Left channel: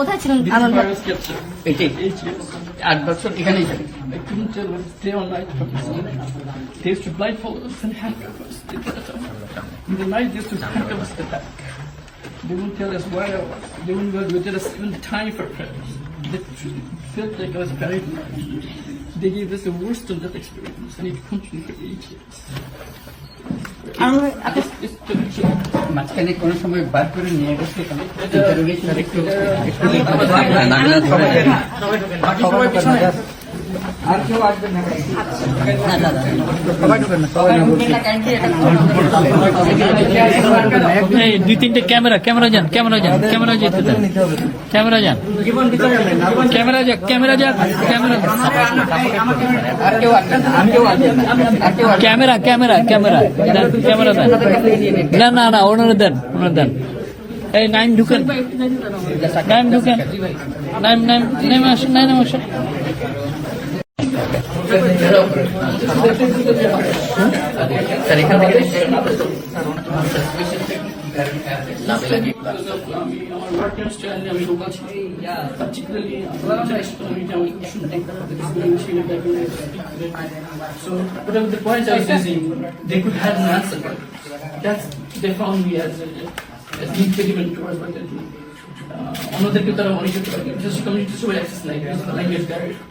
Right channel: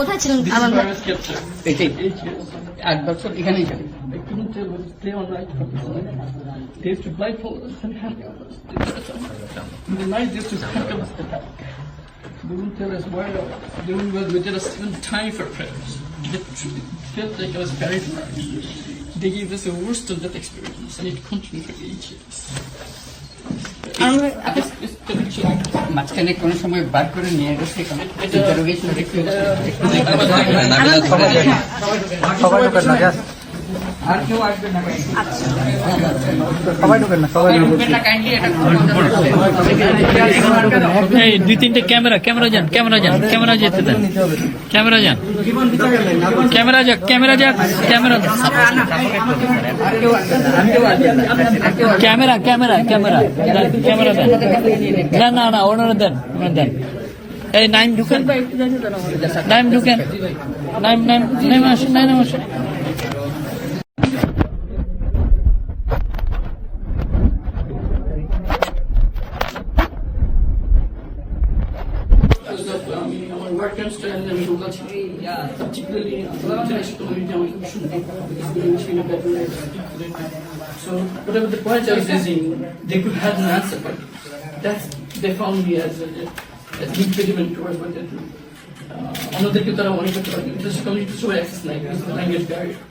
কোথায় ছিলেন This is আমার where I was kept here. এটাই Eight years. আট বছর এখানেই থাকে I couldn't tell whether it's day or night from the sun. They used to blindfold us and handcuff us. In the night, they used to handcuff us at the back. They wouldn't tell us where I was. They wouldn't give us even time for prayers. It felt like I was buried alive. They gave us a worse than that experience, and it continued for eight years. আমি- আপনি- It's, it's terrible. মাঝখানে কোনো সময় বার করে নিয়ে গেছে এখানে এটা- interrogation করতে এটা- সবাই ঢোকেন না just আর কেউ আসবেন না সবাই ঢোকেন না। সবাই ঢোকেন। না এই দুই তিনটে ক্যামেরা ক্যামেরা যান ক্যামেরা যান ক্যামেরা যেতে দেন। ক্যামেরা যান। ক্যামেরা যাক ক্যামেরা যাক camera. Camera camera camera camera দেন। না না না ওনারা দেন ওনারা দেন। এই নাইম ঢুকেন। নাইম ঢুকেন। নাইম নাইম নাইম আসেন নাইম আসেন। Um, our work and আমি লোক আছি particularly আমি খুব শুনতে so whatever the point I was they could have an answer but that's they found me as a, as an impediment towards what they do uh, অন্যদেরকে তারা মনে করতে পারে কিন্তু কমিউনিটি সবাই অ্যাক্সেস নাই because of the language barrier that's what they're বড়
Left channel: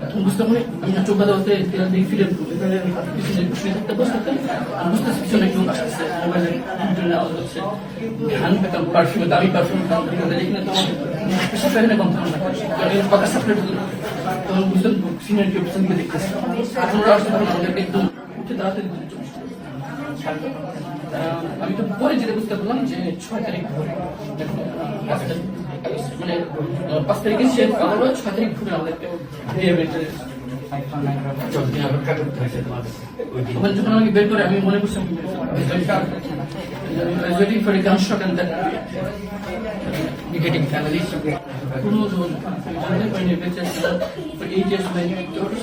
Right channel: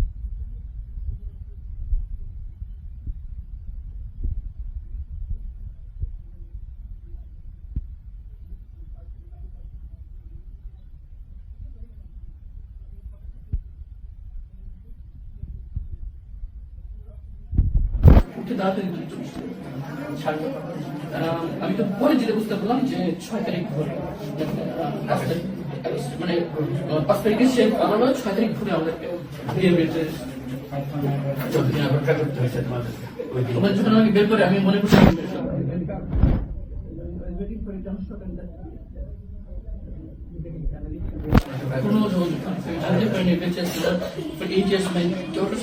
তখন বলতো যে, স্যার আসবে। স্যার আসলে একটু মানে স্যারটাকে তখন বুঝতে পারি আমি না চোখ বাঁধা হতে দেখি ফিরে এখানে পিছনে শুয়ে থাকতে বসে থাকতাম আমি বুঝতে পিছনে কেউ আসতেছে মোবাইলে জন্য আওয়াজ হচ্ছে ধ্যান পেতাম পারফিউমে দামি পারফিউম দাম যেখানে তোমার বিশেষ করে এখানে গন্ধ না। কারণ এর কথা সাপ্রেট তখন বুঝতাম সিনিয়র কেউ পিছন দিকে দেখতেছে। এখন ওরা আসতে তখন আমাদেরকে একদম উঠে দাঁড়াতে দিতে চল্লিশ আমি তো পরে যেটা বুঝতে পারলাম যে ছয় তারিখ ভোরে মানে পাঁচ তারিখে সে আদালত ছয় তারিখ ভোরে আমাদেরকে ওখানে যখন আমাকে বের করে, আমি মনে করছি waiting for a gunshot getting families কোনো যোগাযোগ নেই। জানতে পারিনি বেঁচে আছে for eight my daughter's